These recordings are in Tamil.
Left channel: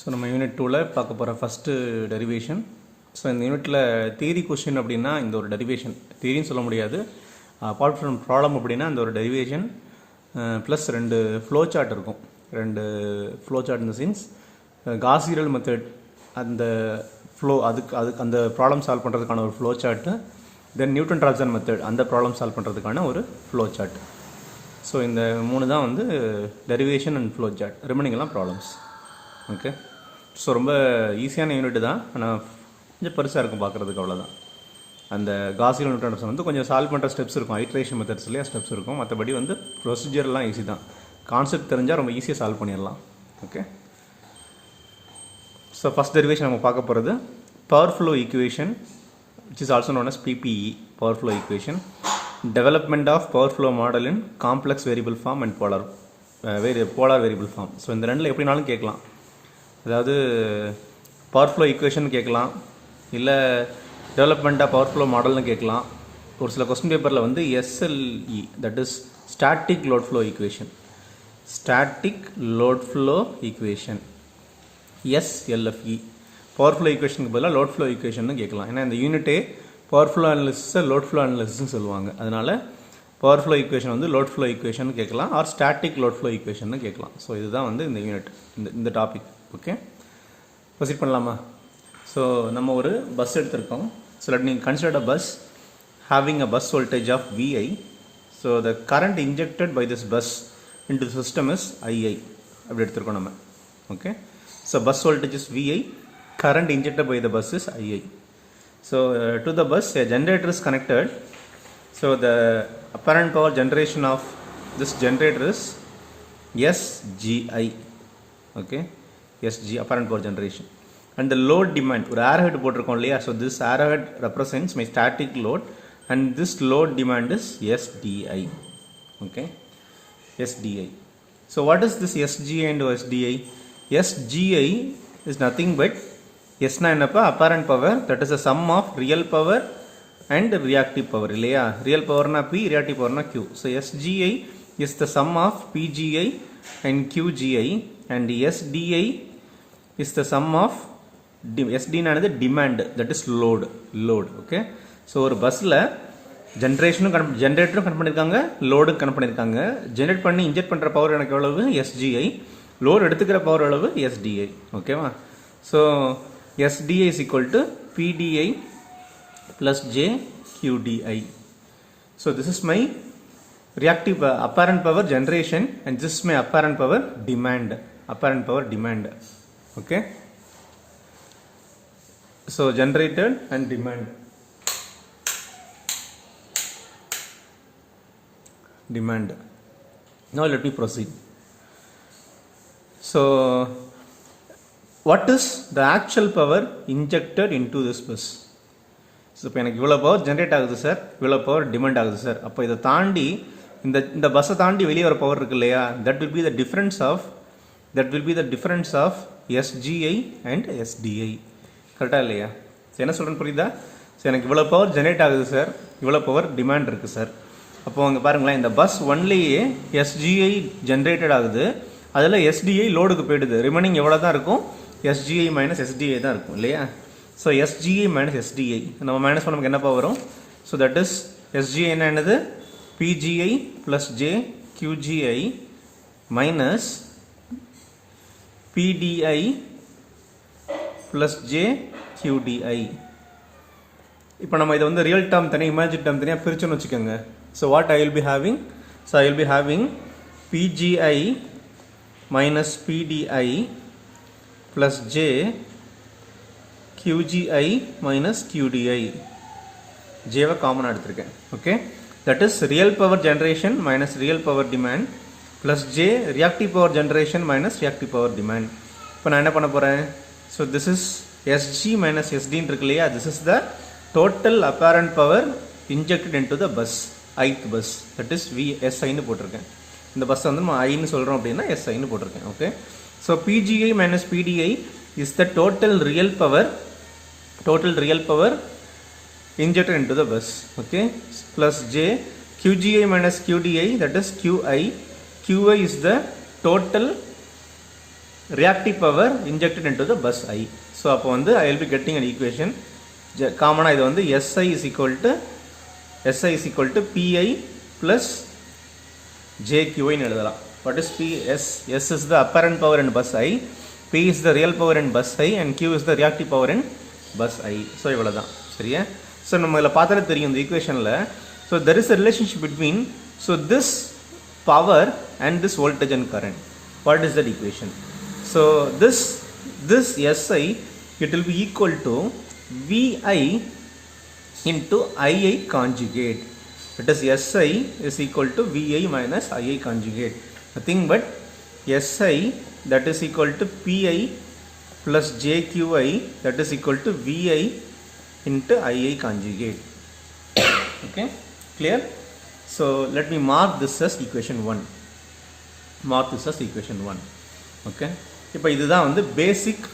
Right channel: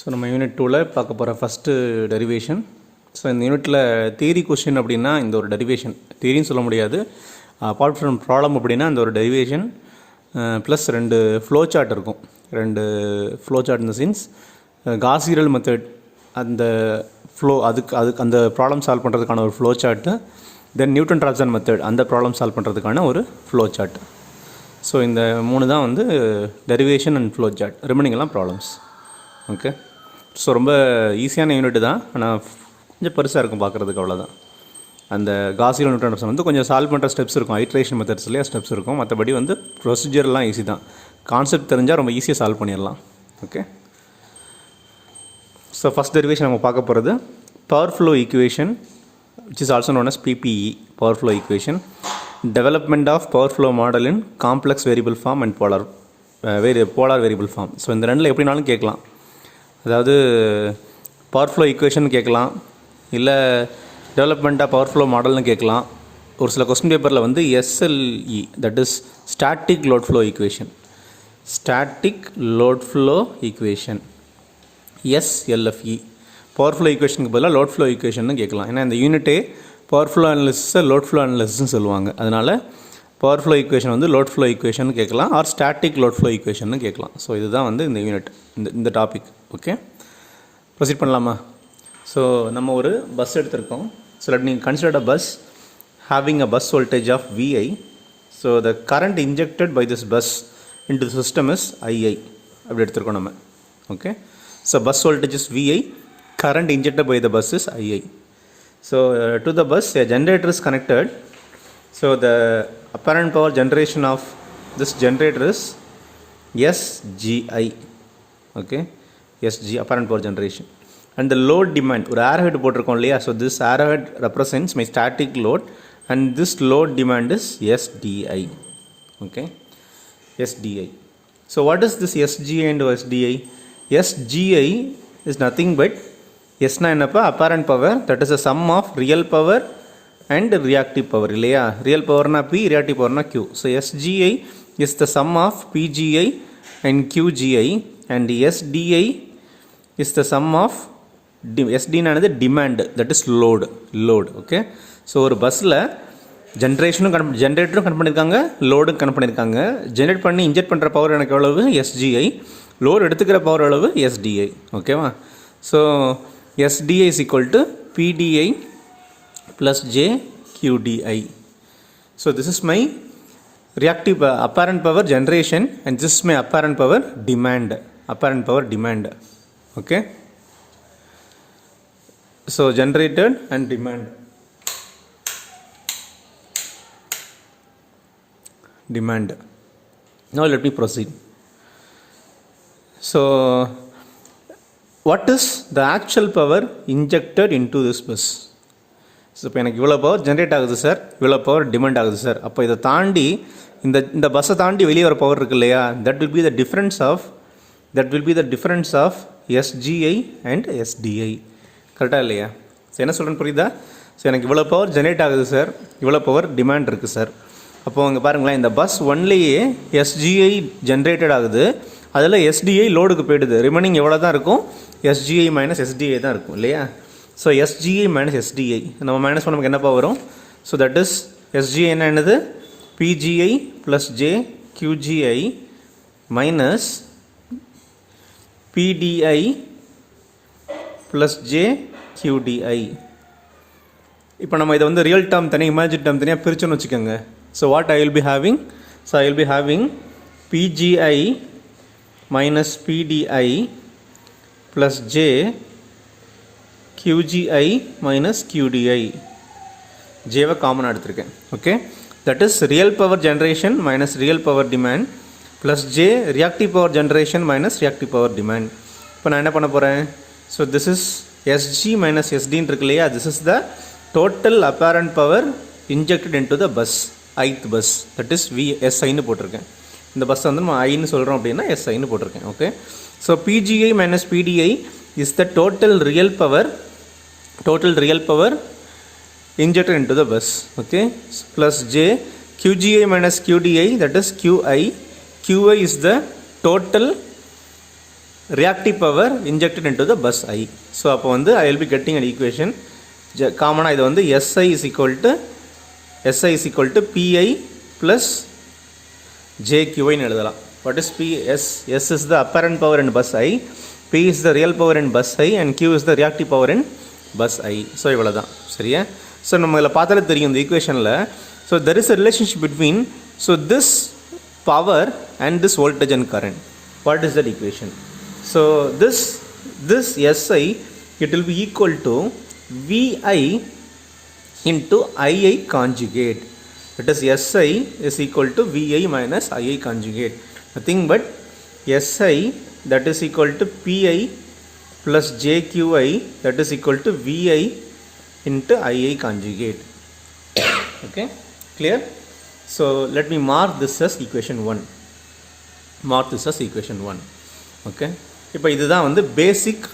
ஸோ நம்ம யூனிட் 2ல் பார்க்க போகிற ஃபஸ்ட்டு டெரிவேஷன். ஸோ இந்த யூனிட்டில் தியரி கொஸ்டின் அப்படின்னா இந்த ஒரு டெரிவேஷன் தியரின்னு சொல்ல முடியாது. அப்பார்ட் ஃப்ரம் ப்ராப்ளம் அப்படின்னா இந்த ஒரு டெரிவேஷன் ப்ளஸ் 2 ஃப்ளோ சார்ட் இருக்கும். 2 ஃப்ளோ சார்ட் இந்த சென்ஸ் காஸ்-சீடல் மெத்தட் அந்த ஃப்ளோ அதுக்கு அந்த ப்ராப்ளம் சால்வ் பண்ணுறதுக்கான ஒரு flow chart, then Newton Raphson method அந்த ப்ராப்ளம் சால்வ் பண்ணுறதுக்கான ஒரு ஃப்ளோ சார்ட். ஸோ இந்த 3 தான் வந்து derivation and flow chart. Remaining எல்லாம் ப்ராப்ளம்ஸ். ஓகே, ஸோ ரொம்ப ஈஸியான யூனிட் தான், ஆனால் கொஞ்சம் பெருசாக இருக்கும் பார்க்குறதுக்கு, அவ்வளோதான். அந்த காஸ்-சீடல் நியூட்டன் வந்து கொஞ்சம் சால்வ் பண்ணுற ஸ்டெப்ஸ் இருக்கும், ஐட்ரேஷன் மெத்தட்ஸ்லேயே ஸ்டெப்ஸ் இருக்கும். மற்றபடி வந்து ப்ரொசீஜர்லாம் ஈஸி தான். கான்செப்ட் தெரிஞ்சால் ரொம்ப ஈஸியாக சால்வ் பண்ணிடலாம். ஓகே, ஸோ ஃபஸ்ட் டெரிவேஷன் நம்ம பார்க்க போகிறது power flow equation, which is also known as PPE, power flow equation. Development of power flow model in complex variable form and polar variable form. So இந்த ரெண்டில் எப்படினாலும் கேட்கலாம். அதாவது பவர் ஃப்ளோ ஈக்குவேஷன் கேட்கலாம், இல்லை டெவலப்மெண்ட் ஆஃப் பவர் ஃப்ளோ மாடல்னு கேட்கலாம். ஒரு சில கொஸ்டின் பேப்பரில் வந்து SLE, that is static load flow equation, static load flow equation, SLFE, power flow ஈக்குவேஷனுக்கு பதிலாக லோட் ஃப்ளோ ஈக்குவேஷன் கேட்கலாம். ஏன்னா இந்த யூனிட்டே பவர் ஃப்ளோ அனாலிசிஸை லோட் ஃப்ளோ அனாலிசிஸ்ன்னு சொல்லுவாங்க. அதனால் பவர் ஃப்ளோ ஈக்குவேஷன் வந்து லோட் ஃப்ளோ ஈக்குவேஷன் கேட்கலாம், or static load flow equation கேட்கலாம். ஸோ இதுதான் வந்து இந்த யூனிட், இந்த டாபிக். ஓகே, ப்ரொசீட் பண்ணலாமா? ஸோ நம்ம ஒரு பஸ் எடுத்திருக்கோம். ஸோ லெட் நீங்கள் consider a bus having a bus voltage of VI. So the current injected by this bus into the system is II. அப்படி எடுத்திருக்கோம் நம்ம. Okay, so bus voltage is VI, current injected by the bus is II. So to the bus a generator is connected. So the apparent power generation of this generator is SGI. Okay, SG apparent power generation. And the load demand, ஒரு arrowhead போட்டிருக்கோம் இல்லையா? So this arrowhead represents my static load and this load demand is SDI. Okay, SDI. So what is this SGI and SDI? SGI is nothing but எஸ்னா என்னப்பா, apparent power, that is a sum of real power and reactive power இல்லையா? ரியல் பவர்னா P, ரியாக்டிவ் பவர்னா Q. So SGI is the sum of PGI and QGI and SDI is the sum of SDனானது demand, that is load. Okay, so ஒரு பஸ்ஸில் ஜென்ரேட்டரும் கனெக்ட் பண்ணியிருக்காங்க, லோடும் கனெக்ட் பண்ணியிருக்காங்க. ஜென்ரேட் பண்ணி இன்ஜெக்ட் பண்ணுற பவர் எனக்கு எவ்வளவு? SGI. லோடு எடுத்துக்கிற பவர் எவ்வளவு? SDI. ஓகேவா? So SDI is equal to PDI plus J QDI. So this is my reactive apparent power generation and this is my apparent power demand. Okay, so generated and demand. Now let me proceed. So what is the actual power injected into this bus? So இப்போ எனக்கு இவ்வளோ பவர் ஜென்ரேட் ஆகுது சார், இவ்வளோ பவர் டிமாண்ட் ஆகுது சார். அப்போ இதை தாண்டி இந்த பஸ்ஸை தாண்டி வெளியே வர பவர் இருக்கு இல்லையா? That will be the difference of SGI and SDI. கரெக்டாக இல்லையா? ஸோ என்ன சொல்கிறேன்னு புரியுதா? ஸோ எனக்கு இவ்வளோ பவர் ஜென்ரேட் ஆகுது சார், இவ்வளோ பவர் டிமாண்ட் இருக்குது சார். அப்போ அங்கே பாருங்களேன், இந்த பஸ் ஒன்லேயே SGI ஜென்ரேட்டட் ஆகுது, அதில் SDI லோடுக்கு போயிடுது. ரிமைனிங் எவ்வளோ தான் இருக்கும்? SGI மைனஸ் SDI தான் இருக்கும் இல்லையா? ஸோ SGI மைனஸ் SDI நம்ம மைனஸ் பண்ண நமக்கு என்னப்பா வரும்? ஸோ தட் இஸ் SGI என்னது? PGI plus J QGI minus PDI plus J QDI. இப்போ நம்ம இதை வந்து ரியல் டேர்ம் தனியாக, இமேஜின் டேர்ம் தனியாக பிரிச்சுன்னு வச்சுக்கோங்க. So what I will be having? So I will be having PGI minus PDI plus J QGI minus QDI. Jவை காமனாக எடுத்திருக்கேன். Okay, that is real power generation minus real power demand plus J reactive power generation minus reactive power demand. இப்போ நான் என்ன பண்ண போகிறேன்? So this is SG minus SDன்னு இருக்கு இல்லையா? This is the total apparent power injected into the bus, ith bus, that is SIன்னு போட்டிருக்கேன். இந்த பஸ் வந்து நம்ம ஐன்னு சொல்கிறோம் அப்படின்னா SIன்னு போட்டிருக்கேன். Okay, so PGI minus PDI is the total real power injected into the bus. Okay, plus J QGI minus QDI, that is QI. QI is the total reactive power injected into the bus I. So அப்போ வந்து I will be getting an equation காமனாக இது வந்து SI is equal to PI plus JQI ன்னு எழுதலாம். What is P? S is the apparent power in bus I, P is the real power in bus I, and Q is the reactive power in bus I. So இவ்வளோ தான் சரியா. ஸோ நம்ம இதில் பார்த்தாலே தெரியும் இந்த ஈக்குவேஷனில். So there is a relationship between this power and this voltage and current. What is that equation? So this SI, it will be equal to VI into II conjugate. It is SI is equal to VI minus II conjugate. Nothing but SI, that is equal to PI plus JQI, that is equal to VI into II conjugate. Okay, clear? So let me mark this as equation 1. Mark this as equation 1. Okay, இப்போ இதுதான் வந்து பேசிக்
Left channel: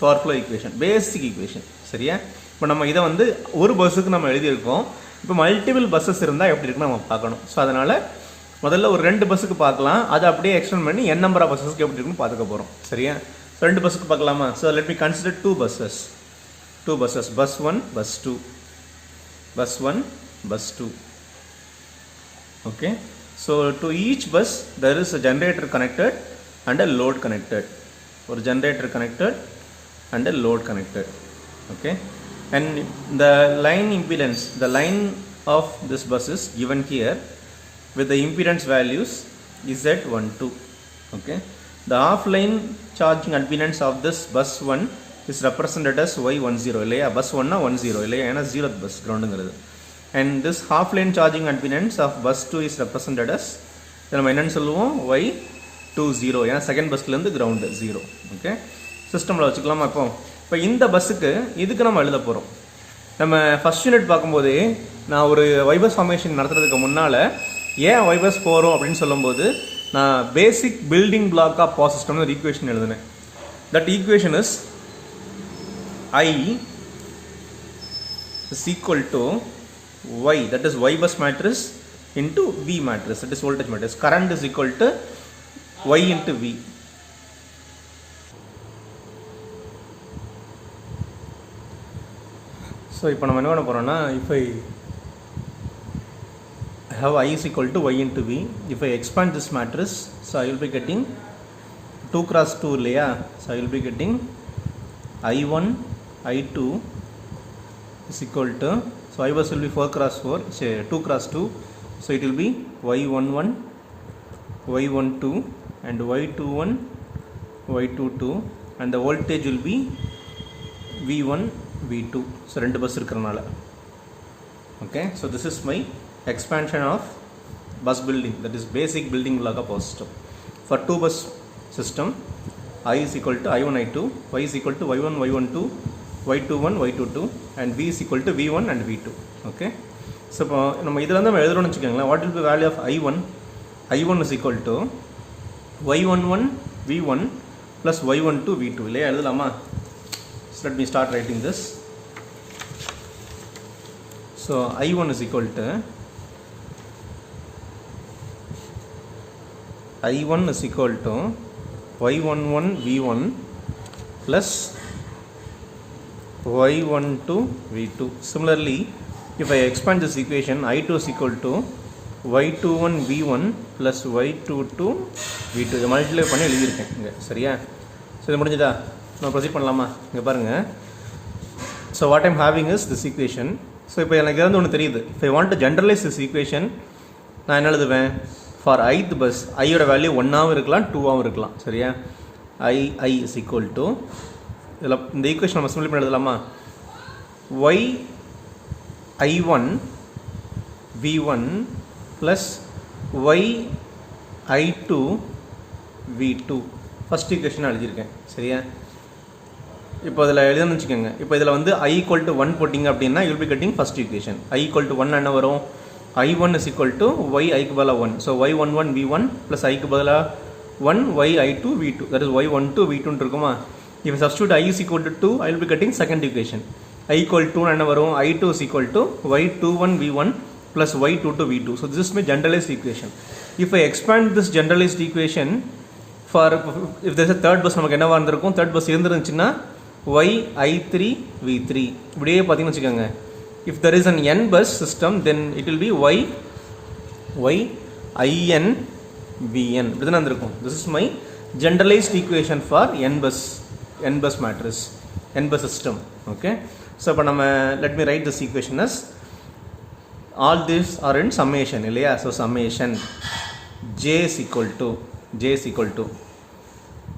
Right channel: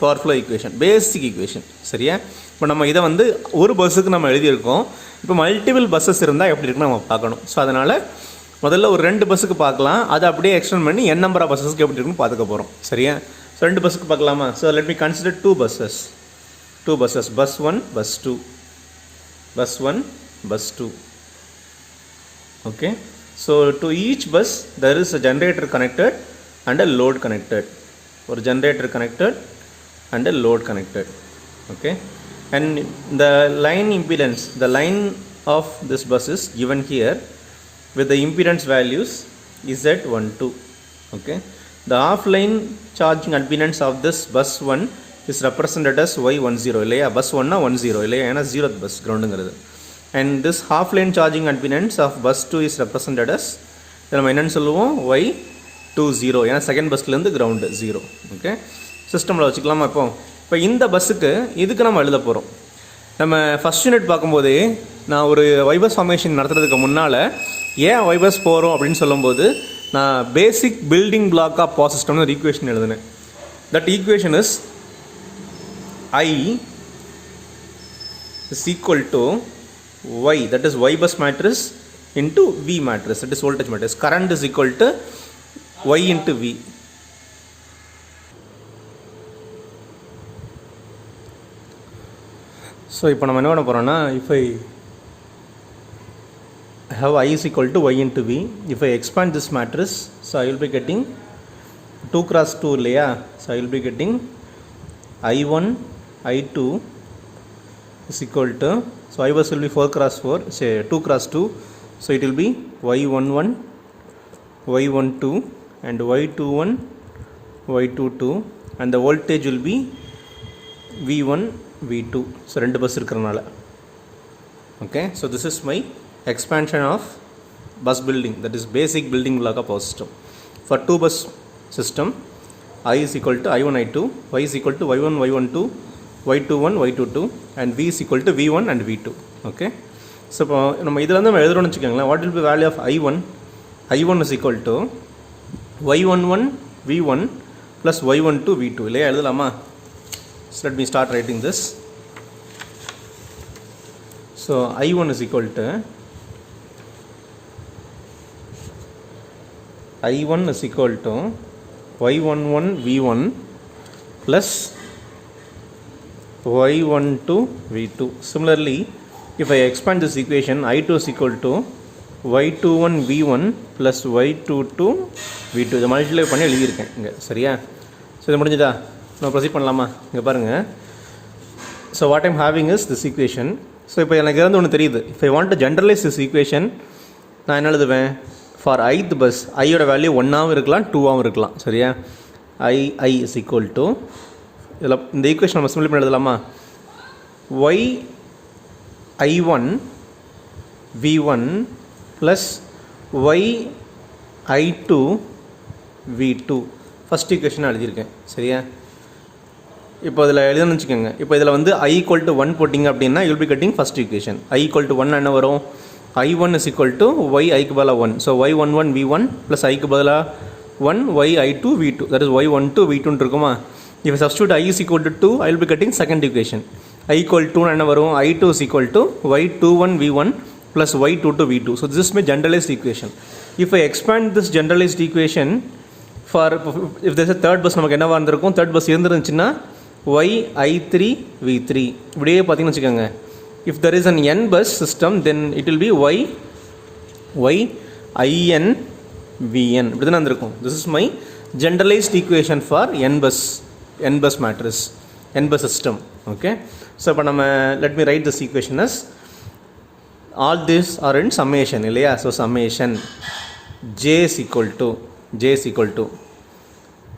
பவர் ஃப்ளோ ஈக்குவேஷன், பேசிக் ஈக்குவேஷன் சரியா. இப்போ நம்ம இதை வந்து ஒரு பஸ்ஸுக்கு நம்ம எழுதியிருக்கோம். இப்போ மல்டிபிள் பஸ்ஸஸ் இருந்தால் எப்படி இருக்குன்னு நம்ம பார்க்கணும். ஸோ அதனால் முதல்ல ஒரு 2 பஸ்ஸுக்கு பார்க்கலாம், அதை அப்படியே எக்ஸ்டெண்ட் பண்ணி n நம்பர் ஆஃப் பஸ்ஸஸ்க்கு எப்படி இருக்குன்னு பார்த்துக்க போகிறோம் சரியா. ஸோ 2 பஸ்ஸுக்கு பார்க்கலாமா. So let me consider 2 buses, bus 1, bus 2, bus 1, bus 2. Okay, so to each bus there is a generator connected and a load connected, or generator connected and a load connected. Okay, and the line impedance, the line of this bus is given here with the impedance values Z12. Okay, the offline charging impedance of this bus 1 is represented as Y10 இல்லையா. bus 1 னா 10 இல்லையா, ஏன்னா 0th bus கிரவுண்டுங்கிறது. And this half line charging impedance of bus 2 is represented as, நம்ம என்னன்னு சொல்லுவோம், Y20, ஏன்னா செகண்ட் பஸ்லேருந்து கிரவுண்டு 0. ஓகே, சிஸ்டமில் வச்சுக்கலாமா. இப்போ இந்த பஸ்ஸுக்கு இதுக்கு நம்ம எழுத போகிறோம். நம்ம ஃபஸ்ட் யூனிட் பார்க்கும்போது நான் ஒரு வைபஸ் ஃபார்மேஷன் நடத்துறதுக்கு முன்னால் ஏன் வைபஸ் போகிறோம் அப்படின்னு சொல்லும்போது நான் basic building block of power சிஸ்டம்னு ஒரு ஈக்குவேஷன் எழுதுனேன். That equation is I is equal to Y, that is Y bus matrix into V matrix, that is voltage matrix. Current is equal to Y into V. So இப்போ நம்ம என்ன பண்ண போகிறோம்னா, if I have I is equal to Y into V, if I expand this matrix, so I will be getting 2 cross 2 இல்லையா. So I will be getting I1, I2 is equal to, so I bus will be 4 cross 4, say 2 cross 2, so it will be Y11, Y12 and Y21, Y22, and the voltage will be V1, V2. So 2 bus இருக்கிறனால. Okay, so this is my expansion of bus building, that is basic building block of power system. For 2 bus system, I is equal to I1, I2, Y is equal to Y1, Y12, Y21, Y22, and V is equal to V1 and V2. Okay, so இப்போ நம்ம இதில் வந்து நம்ம எழுதுறோம்னு வச்சுக்கோங்களேன். What will be value of I1? I1 is equal to Y11 V1 plus Y12 V2 இல்லையா, எழுதலாமா. So let me start writing this. So I1 is equal to Y11 V1 plus Y12 V2. Similarly, if I expand this equation, I2 is equal to Y21 V1 plus Y22 V2. இதை மல்டிப்ளை பண்ணி எழுதியிருக்கேன் இங்கே சரியா. ஸோ இது முடிஞ்சதா, நம்ம ப்ரொசீட் பண்ணலாமா. இங்கே பாருங்கள். So what I'm having is this equation. So இப்போ எனக்கு வந்து ஒன்று தெரியுது. If I want to generalise this equation, நான் என்ன எழுதுவேன், ஃபார் ith பஸ் ஐயோட வேல்யூ 1ஆகவும் இருக்கலாம் 2ஆகவும் இருக்கலாம் சரியா. I is equal to, இதில் இந்த ஈக்குவேஷன் நம்ம சிம்பிளை பண்ணி எழுதலாமா. Y I1 V1 plus Y I2 V2 first ஈக்குவேஷனாக எழுதியிருக்கேன் சரியா. இப்போ இதில் எழுதுன்னு வச்சுக்கோங்க. இப்போ இதில் வந்து I equal to 1 போட்டிங்க அப்படின்னா you'll be getting first equation. I equal to 1 என்ன வரும், I1 is equal to Y ஐக்கு பதிலாக 1, ஸோ Y11 V1 plus ஐக்கு பதிலாக 1 Y I2 V2, that is Y12 V2 இருக்குமா. If I substitute I is equal to 2, I will be getting second equation. I equal to என்ன வரும், I2 is equal to Y21 V1 plus Y22 V2. So this is my generalized equation. If I expand this generalized equation for if there's third bus நமக்கு என்னவாக இருந்திருக்கும், third bus இருந்துருந்துச்சுன்னா Y i3 v3 இப்படியே பார்த்தீங்கன்னு வச்சுக்கோங்க. If there is an n bus system then it will be Y in vn இப்படி தானே வந்திருக்கும். This is my generalized equation for n bus matrix, n bus system. Okay, so இப்போ நம்ம let me write this equation as all these are in summation இல்லையா. so summation j is equal to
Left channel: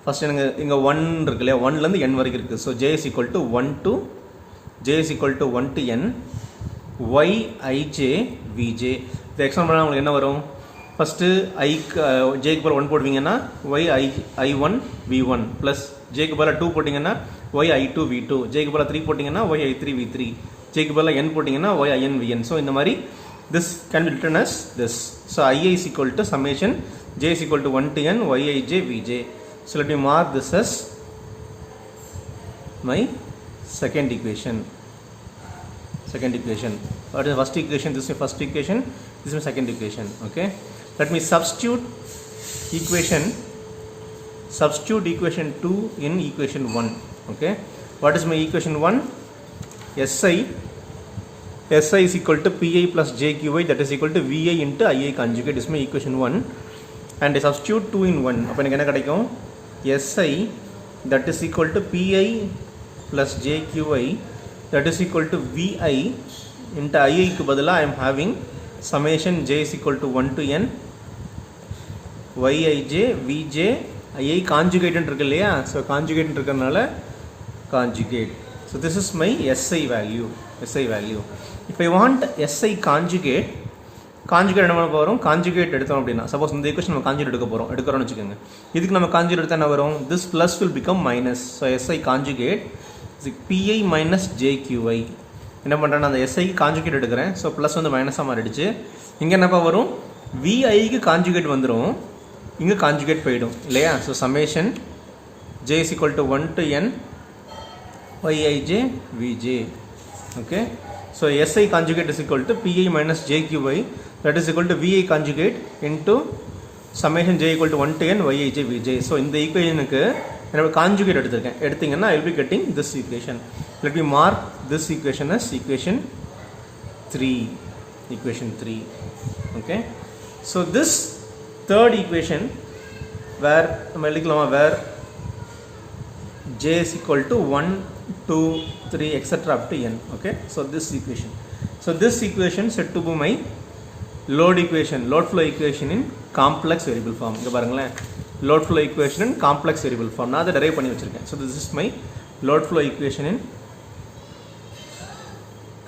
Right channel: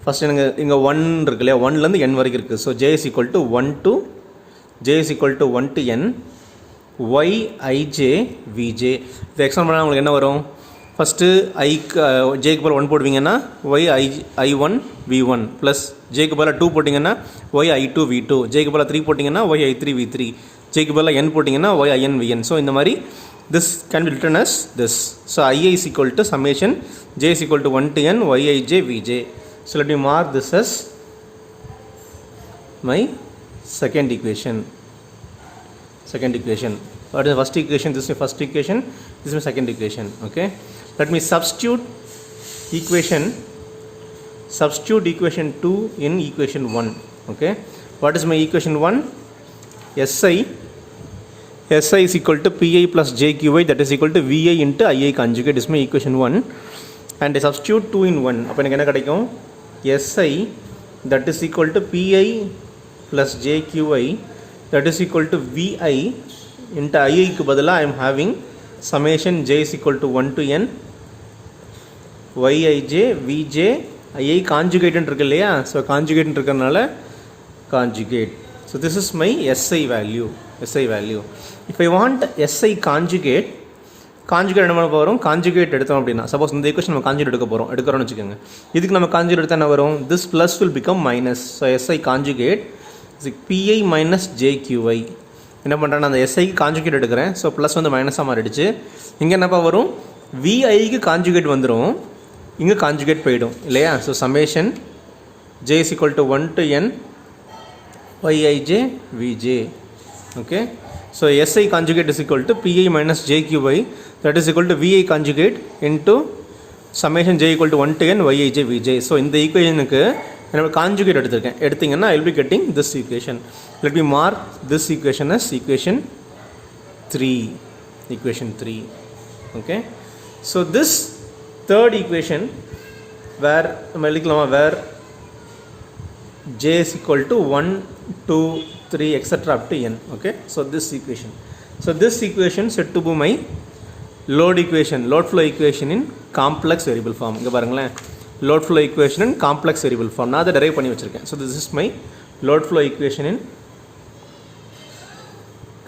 first எனக்கு இங்கே 1 இருக்கு இல்லையா, 1லேருந்து n வரைக்கும் இருக்குது. So j is equal to 1 to n y ij vj. இது எக்ஸாம் பண்ணால் உங்களுக்கு என்ன வரும், ஃபஸ்ட்டு ஜேக்கு பதில் 1 போடுவீங்கன்னா y i1 v1 ப்ளஸ் ஜேக்கு பதில் 2 போட்டிங்கன்னா y i2 v2, ஜேக்கு பதில் 3 போட்டிங்கன்னா y i3 v3, ஜேக்கு பதில் n போட்டிங்கன்னா y in vn. ஸோ இந்த மாதிரி this can be written as this. So I is equal to summation j is equal to 1 to n y I j v j. So let me mark this as my second equation. What is the first equation? This is the first equation, this is my second equation. Okay, let me substitute equation 2 in equation 1. Okay, what is my equation 1? SI is equal to PI plus JQI, that is equal to VI into II conjugate is my equation 1. And I substitute 2 in 1. அப்போ எனக்கு என்ன கிடைக்கும், SI that is equal to PI plus JQI that is equal to VI into II க்கு பதிலாக I am having summation j is equal to 1 to n yij vj II conjugate இருக்கு இல்லையா. ஸோ கான்ஜுகேட் இருக்கிறதுனால conjugate. So this is my SI value. If I want SI conjugate என்ன பண்ண போகிறோம், கான்ஜுகேட் எடுத்தோம் அப்படின்னா, சப்போஸ் இந்த ஈக்குவேஷன் நம்ம கான்ஜுகேட் எடுக்கிறோம்னு வச்சுக்கோங்க. இதுக்கு நம்ம கான்ஜுகேட் எடுத்தால் என்ன வரும், this plus will become minus. So SI conjugate is PI minus JQI. என்ன பண்ணுறேன்னா அந்த SIக்கு கான்ஜுகேட் எடுக்கிறேன். ஸோ ப்ளஸ் வந்து மைனஸாக மாறிடுச்சு. இங்கே என்னப்பா வரும், VIக்கு கான்ஜுகேட் வந்துடும், இங்கே கான்ஜுகேட் போயிடும் இல்லையா. So summation j is equal to 1 to n yij vj. Okay, so SI conjugate is equal to PI minus JQI, that is equal to VI conjugate into summation j equal to 1 to n yij vj. So இந்த ஈக்குவேஷனுக்கு என்னோட கான்ஜுகேட் எடுத்தீங்கன்னா I will be getting this equation. Let me mark this equation as equation 3. Okay, so this third equation where j is equal to 1 2 3 etc up to n. Okay, so this equation said to be my load flow equation in complex variable form. இங்க பாருங்களேன், load flow equation in complex variable form நான் அதை derive பண்ணி வச்சிருக்கேன். So this is my load flow equation in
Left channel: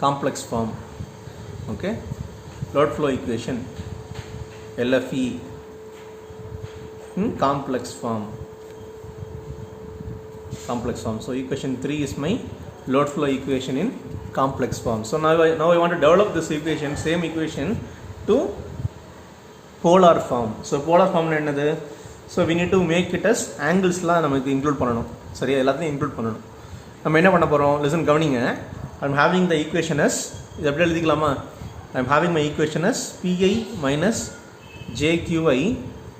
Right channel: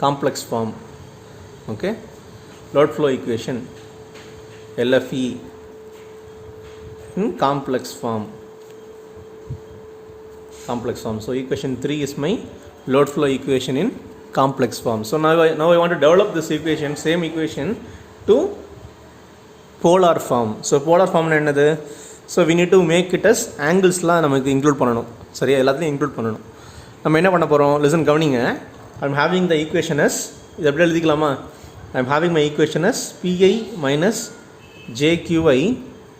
complex form. Okay, load flow equation LFE in complex form. So equation 3 is my load flow equation in complex form. So now I want to develop this equation, same equation, to polar form. So polar form என்னது, so we need to make it as anglesலாம் நமக்கு இன்க்ளூட் பண்ணணும். சரியா, எல்லாத்தையும் இன்க்ளூட் பண்ணணும். நம்ம என்ன பண்ண போகிறோம், லிசன் கவனிங்க. I am having the equation as, இது எப்படி எழுதிக்கலாமா, I am having my equation as PI minus JQI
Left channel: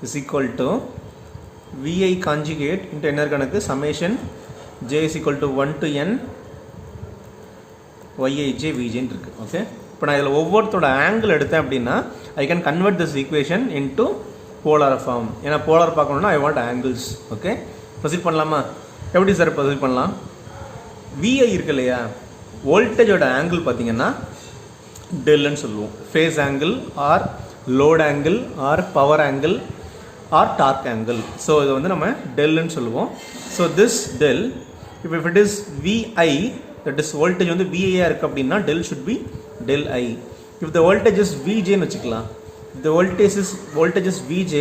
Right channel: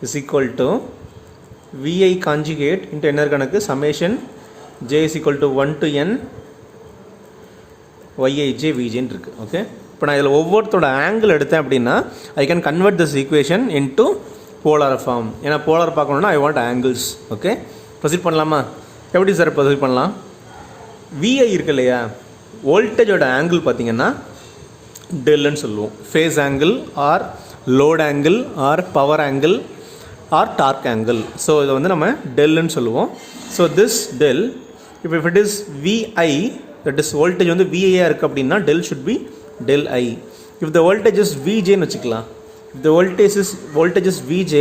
is equal to VI conjugate into என்ன கணக்கு summation j is equal to 1 to n yij vj இருக்கு. ஓகே, இப்போ நான் இதில் ஒவ்வொருத்தோட ஆங்கிள் எடுத்தேன் அப்படின்னா I can convert this equation into polar form. ஏன்னா போலார் பார்க்கணுன்னா I want angles. Okay, proceed பண்ணலாமா, எப்படி சார் ப்ரொசீட் பண்ணலாம். VI இருக்கு இல்லையா, வோல்டேஜோட ஆங்கிள் பார்த்தீங்கன்னா டெல்லுன்னு சொல்லுவோம். Phase angle or load angle or power angle or torque angle. So இதை வந்து நம்ம டெல்லுன்னு சொல்லுவோம். ஸோ திஸ் டெல், இப்போ if it is VI, that is voltage வந்து VIயாக இருக்குது அப்படின்னா del should be del I. If the voltage is VJன்னு வச்சுக்கலாம். If the voltage is VJ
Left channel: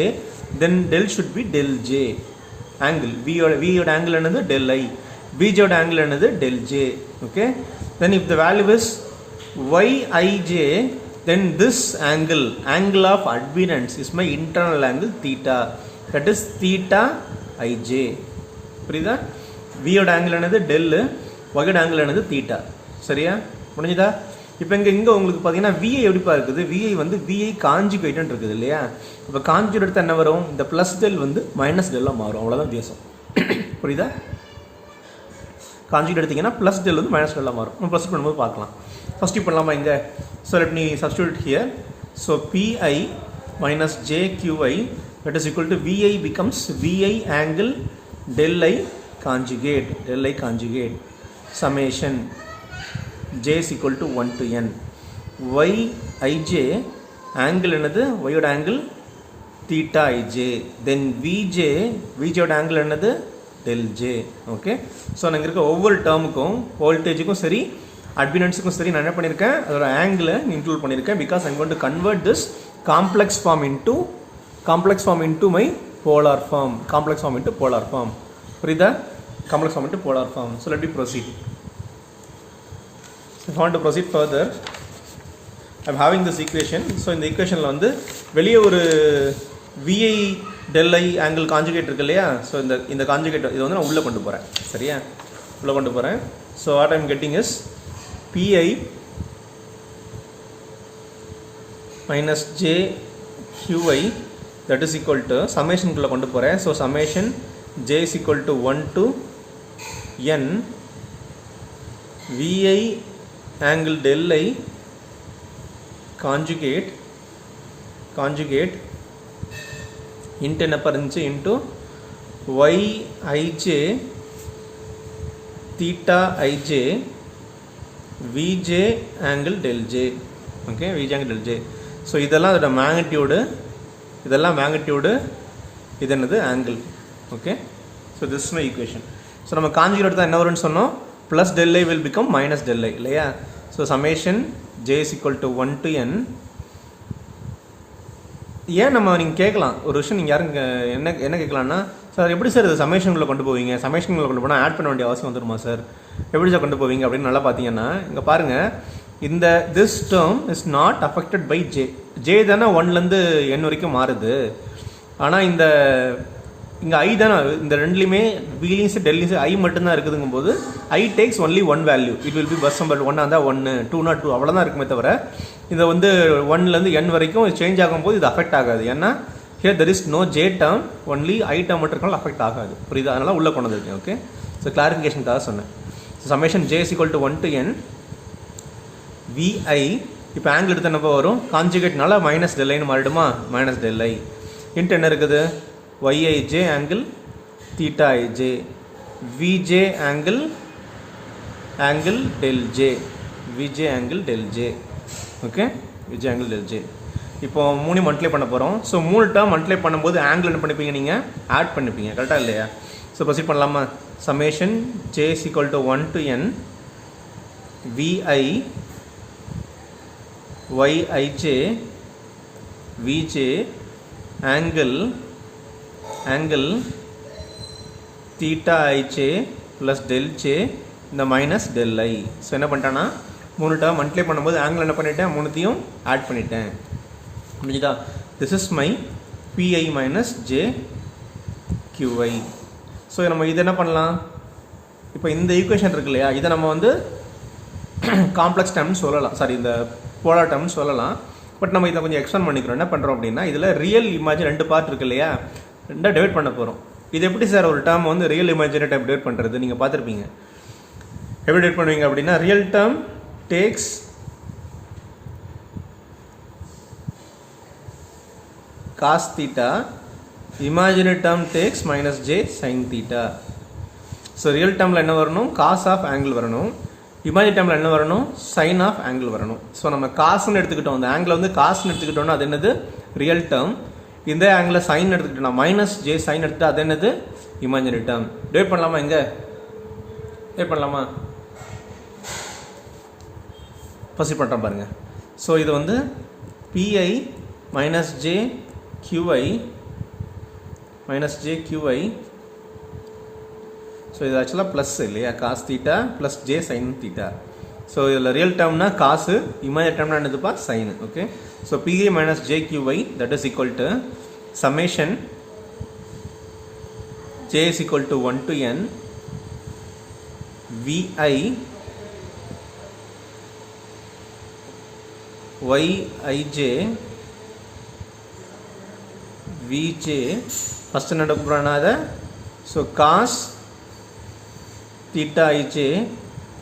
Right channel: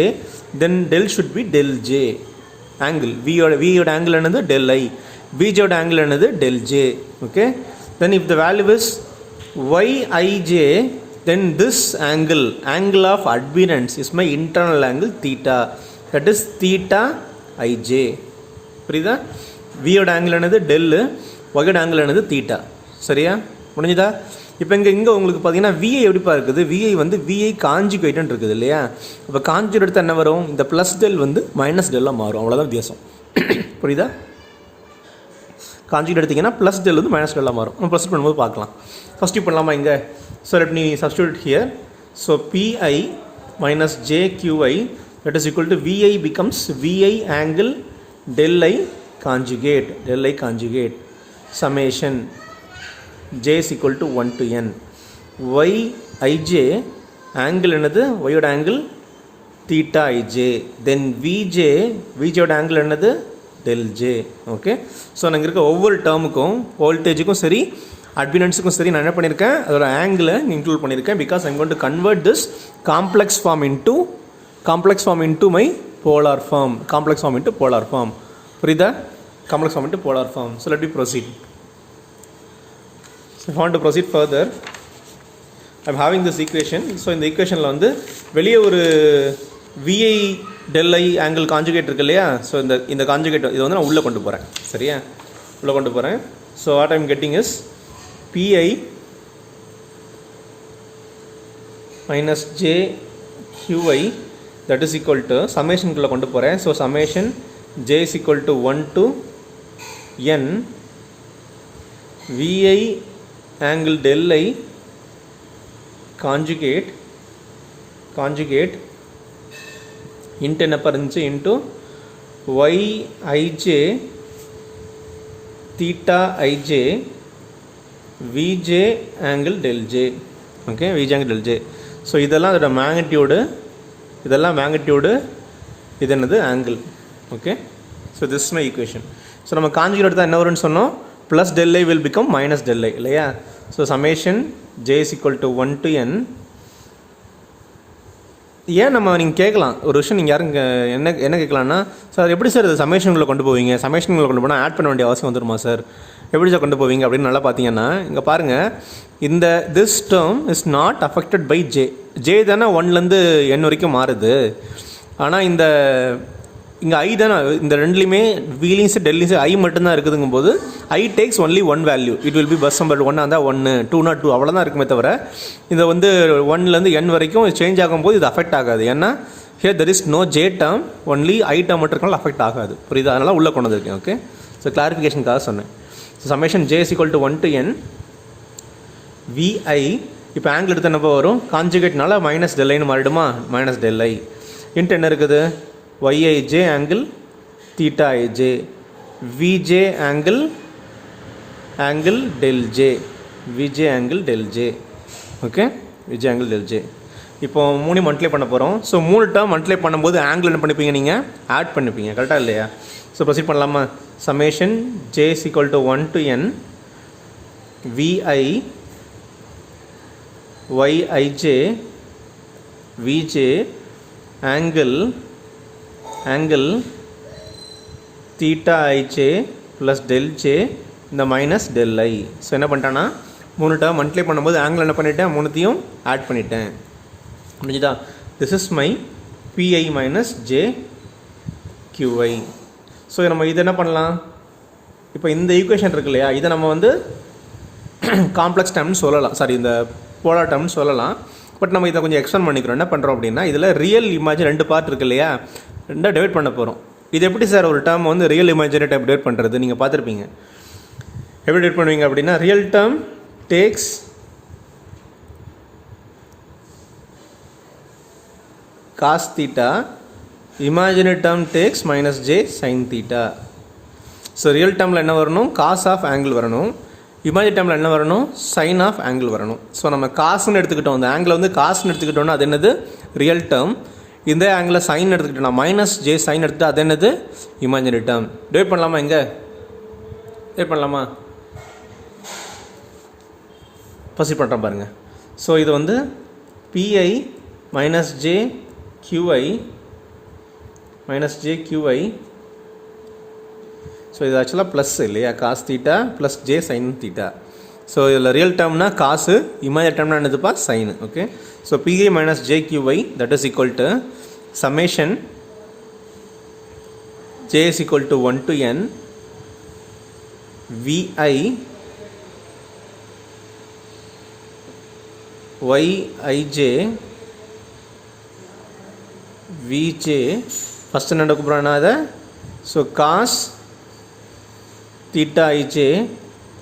then del should be del J. Angle வியோட ஆங்கிள் என்னது டெல் I, VJோட ஆங்கிள் என்னது del J. Okay, then if the value is YIJ, then this angle of adherence is my internal angle theta, that is theta ij. புரியுதா, v யோட ஆங்கிள் என்னது டெல், y யோட ஆங்கிள் என்னது தீட்டா. சரியா, முடிஞ்சுதா. இப்போ இங்கே உங்களுக்கு பார்த்தீங்கன்னா விஐ எப்படிப்பா இருக்குது, விஐ வந்து விஐ காஞ்சுகேட்னு இருக்குது இல்லையா. இப்போ காஞ்சுகேட் எடுத்தால் என்ன வரும், இந்த ப்ளஸ் டெல் வந்து மைனஸ் டெல்லாக மாறும், அவ்வளோதான் வித்தியாசம். புரியுதா? காஞ்சுகேட் எடுத்திங்கன்னா ப்ளஸ் டெல் வந்து மைனஸ் டெல்லாக மாறும். நம்ம ப்ளஸ் பண்ணும்போது பார்க்கலாம். ஃபஸ்ட்டு பண்ணலாமா இங்கே. So let me substitute here. So P I minus J Q I that is equal to VI becomes VI angle del I conjugate summation J is equal to 1 to N. Yij angle என்னது, Y ஓட angle theta ij, then Vj ஓட angle என்னது del J. ஓகே. ஸோ நாங்கள் இருக்க ஒவ்வொரு டேர்முக்கும் வோல்டேஜுக்கும் சரி அட்மினன்ஸுக்கும் சரி நான் என்ன பண்ணியிருக்கேன், அதோட ஆங்கிளை இன்க்ளூட் பண்ணியிருக்கேன். Because I'm going to convert this complex form into my polar form. Complex form into polar form. புரியுதா? Complex form into polar form. So let me proceed. So if I want to proceed further, I am having this equation. So இந்த equationல வந்து வெளியே ஒரு VI del I angle conjugate இருக்கு இல்லையா. ஸோ இந்த கான்ஜுகேட் இது வந்து நான் உள்ளே கொண்டு போகிறேன். சரியா? உள்ளே கொண்டு போகிறேன். So what I am getting is PI minus JQI that is equal to summation குள்ள கொண்டு போகிறேன். So summation J is equal to 1 to N VI angle del I conjugate into என்ன இருந்துச்சு into Yij theta ij Vj angle del J. ஓகே, Vj angle del J. So இதெல்லாம் அதோட மேக்னிடியூடு, இது என்னது angle. Okay. So this my equation. So நம்ம கான்ஜுகேட் எடுத்தால் என்ன வரும்னு சொன்னோம், plus del I will become minus del I இல்லையா. So summation J is equal to 1 to N. ஏன் நம்ம நீங்கள் கேட்கலாம் ஒரு விஷயம், நீங்கள் யாரும் என்ன கேட்கலான்னா, சார் எப்படி சார் இது சமேஷனுக்குள்ளே கொண்டு போவீங்க, சமேஷனுக்குள்ளே கொண்டு போனால் ஆட் பண்ண வேண்டிய அவசியம் வந்துடுமா சார், எப்படி சார் கொண்டு போவீங்க அப்படின்னு நல்லா பார்த்தீங்கன்னா இங்கே பாருங்கள், இந்த this term is not affected by j தானே 1லேருந்து N வரைக்கும் மாறுது. ஆனால் இங்கே ஐ தானே, இந்த ரெண்டுலேயுமே வீலிங்ஸு டெல்லிங்ஸு ஐ மட்டும்தான் இருக்குதுங்கும் போது I takes only 1 value. It will be bus number 1 இருந்தால் 1, 2 2 அவ்வளோதான் இருக்குமே தவிர இதை வந்து 1லேருந்து N வரைக்கும் சேஞ்ச் ஆகும்போது இது அஃபெக்ட் ஆகாது. ஏன்னா here there is no j term, only i term மட்டும் இருக்கனால அஃபெக்ட் ஆகாது. புரியுது? அதனால் உள்ளே கொண்டு வந்திருக்கேன். ஓகே. ஸோ கிளாரிஃபிகேஷனுக்காக சொன்னேன். So summation J is equal to 1 to N VI. இப்போ ஆங்கிள் எடுத்து என்னப்போ வரும், கான்ஜுகேட்னால மைனஸ் டெல் ஐன்னு மாறிடுமா, மைனஸ் டெல் ஐ இன்ட்டு என்ன இருக்குது YIJ angle theta ij VJ angle del J, VJ angle del J. ஓகே, VJ angle del J. இப்போ 3 மல்டிப்ளை பண்ண போகிறோம். ஸோ 3 டேர்ம் மல்டிப்ளை பண்ணும்போது ஆங்கிள் என்ன பண்ணிப்பீங்க, நீங்கள் ஆட் பண்ணிப்பீங்க. கரெக்டாக இல்லையா? ஸோ ப்ரொசீட் பண்ணலாமா. Summation J is equal to 1 to N VI YIJ VJ angle theta ij plus del j இந்த மைனஸ் டெல் ஐ. ஸோ என்ன பண்ணிட்டேன்னா 3 டேர்ம் மல்டிப்ளை பண்ணும்போது ஆங்கிள் என்ன பண்ணிட்டேன், 3த்தையும் ஆட் பண்ணிட்டேன். புரியுதா? This is my PI minus J QI. ஸோ நம்ம இதை என்ன பண்ணலாம், இப்போ இந்த ஈக்குவேஷன் இருக்கு இல்லையா, இதை நம்ம வந்து காம்ப்ளெக்ஸ் டேர்ம்னு சொல்லலாம், சாரி இந்த போலார் டேர்ம்னு சொல்லலாம். பட் நம்ம இதை கொஞ்சம் எக்ஸ்டெண்ட் பண்ணிக்கிறோம். என்ன பண்ணுறோம் அப்படின்னா, இதில் ரியல் இமேஜ் 2 பார்ட் இருக்கு இல்லையா, 2 டிவைட் பண்ண போகிறோம். இது எப்படி சார் ஒரு டேர்ம் வந்து ரியல் இமேஜினரி டைப் டிவைட் பண்ணுறது, நீங்கள் பார்த்துருப்பீங்க. எப்படி டிவைட் பண்ணுவீங்க அப்படின்னா, real term takes cos theta, imaginary term takes minus j sine theta. So real டேர்மில் என்ன வரணும், காஸ் ஆஃப் ஆங்கிள் வரணும். இமேஜினரி டேர்மில் என்ன வரணும், சைன் ஆஃப் ஆங்கிள் வரணும். ஸோ நம்ம காசுன்னு எடுத்துக்கிட்டோம், அந்த ஆங்கிள் வந்து காசுன்னு எடுத்துக்கிட்டோம்னா அது என்னது ரியல் டேர்ம். இந்த ஆங்கிளில் சைன் எடுத்துக்கிட்டோம்னா மைனஸ் ஜே சைன் எடுத்துகிட்டு அது என்னது இமேஜினரி டேர்ம். டிவைட் பண்ணலாமா, இங்கே டிவைட் பண்ணலாமா, ப்ரொசீட் பண்ணுறோம் பாருங்கள். ஸோ இது வந்து P I minus J QI so இது ஆக்சுவலாக ப்ளஸ் இல்லையா, cos theta plus J sine theta. So இதில் ரியல் டேர்ம்னா காசு, இமேஜினரி டேர்ம்னா என்னதுப்பா sine. Okay. So P I minus J Q I that is equal to summation J is equal to 1 to N VI yij vj first என்ன எடுக்க போறேன்னா அத so cos theta ij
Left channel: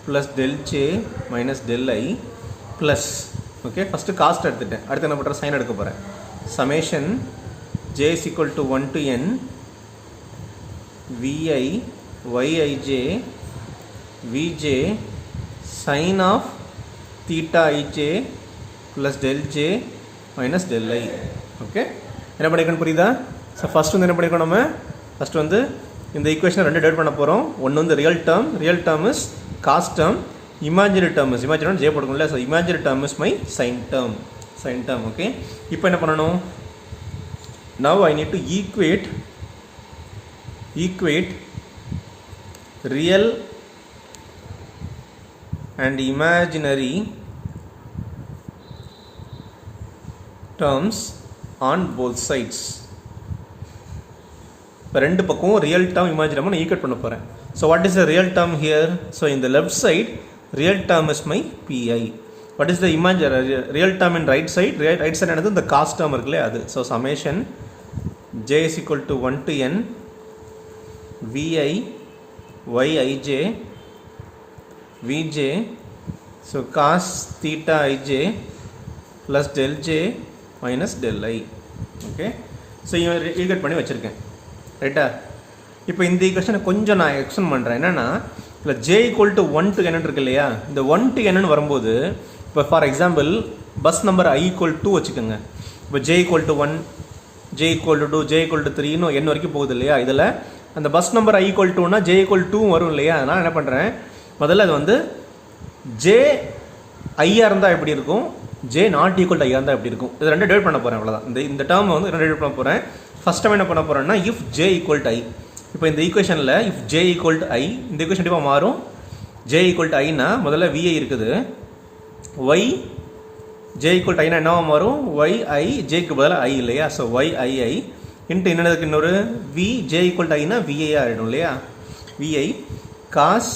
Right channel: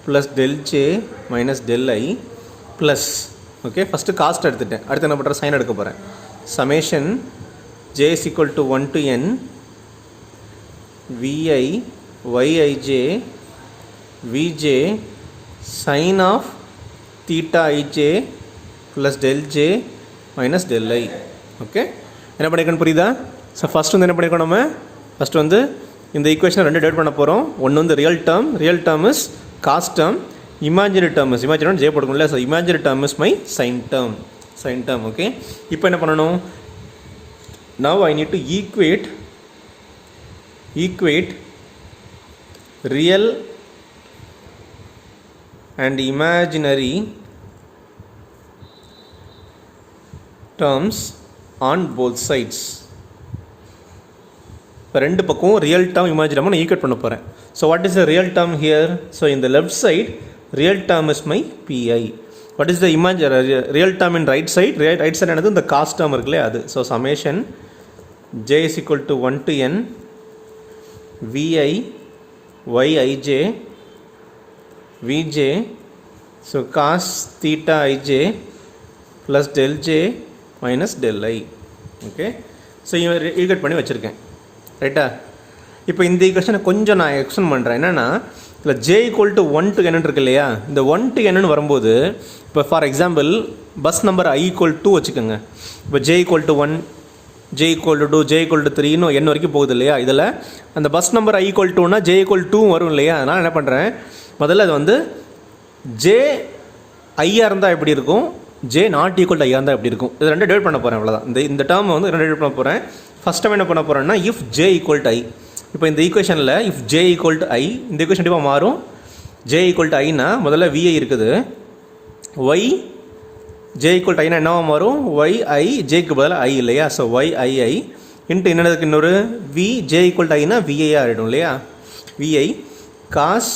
plus del j minus del I plus okay first cost எடுத்துட்டேன் அடுத்து என்ன பண்றேன் sin எடுக்க போறேன் summation j is equal to 1 to n vi yij vj sin of theta ij plus del j minus del I okay என்ன பண்ணிக்கணும் புரியுதா ஸோ ஃபர்ஸ்ட் வந்து என்ன பண்ணிக்கணும் நம்ம ஃபர்ஸ்ட் வந்து இந்த ஈக்குவேஷனை ரெண்டு டேட் பண்ண போகிறோம் ஒன்று வந்து real term is cos term imaginary term is imaginary J போட்டுக்கணும் இல்லையா so imaginary term is my sine term okay இப்போ என்ன பண்ணணும் now I need to equate real and imaginary terms on both sides இப்போ ரெண்டு பக்கம் ரியல் டேர்ம் இமேஜினரி டேர்ம் நான் ஈக்குவேட் பண்ண போகிறேன் so what is the real term here so இந்த left side real term is my P I what is the real term in right side என்னது இந்த காஸ்ட் டேர்ம் இருக்குல்லையே அது so summation J is equal to 1 to n VI yij vj so cos theta ij plus del j minus del I okay so equate பண்ணி வச்சுருக்கேன் ரைட்டா இப்போ இந்த ஈக்குவேஷனை கொஞ்சம் நான் எக்ஸ்டெண்ட் பண்ணுறேன் என்னென்னா இல்லை j equal to 1 to n இருக்கு இல்லையா இந்த 1 to n வரும்போது இப்போ for example bus number I equal 2 வச்சுக்கோங்க இப்போ j equal to 1 j equal to 2 j equal to 3 இன்னும் n வரைக்கும் போகுது இல்லையா இதில் அந்த பஸ் நம்பர் I ஈக்குவல் டுனா j ஈக்குவல் 2 வரும் இல்லையா அதனால் என்ன பண்ணுறேன் முதல்ல அது வந்து j ஐயா இருந்தால் எப்படி இருக்கும் j நாட் ஈக்குவல் டு ஐயா இருந்தால் எப்படி இருக்கும் இது ரெண்டு டேட் பண்ண போகிறேன் அவ்வளோதான் இந்த டேர்ம் வந்து ரெண்டு டேட் பண்ண போகிறேன் ஃபஸ்ட் டைம் என்ன பண்ண போகிறேன்னா if j equal to I இப்போ இந்த ஈக்குவேஷனில் if j equal to I இந்த ஈக்குவேஷன் கண்டிப்பாக மாறும் j ஈக்குவல் டு ஐனா முதல்ல vi இருக்குது y j equal to Aina என்னவா மாறும் yi jக்கு பதிலாக I இல்லையா ஸோ yii இன்ட்டு என்னதுக்கு இன்னொரு v j ஈக்குவல் டு ஐனா vi ஆகிடும் இல்லையா vi cos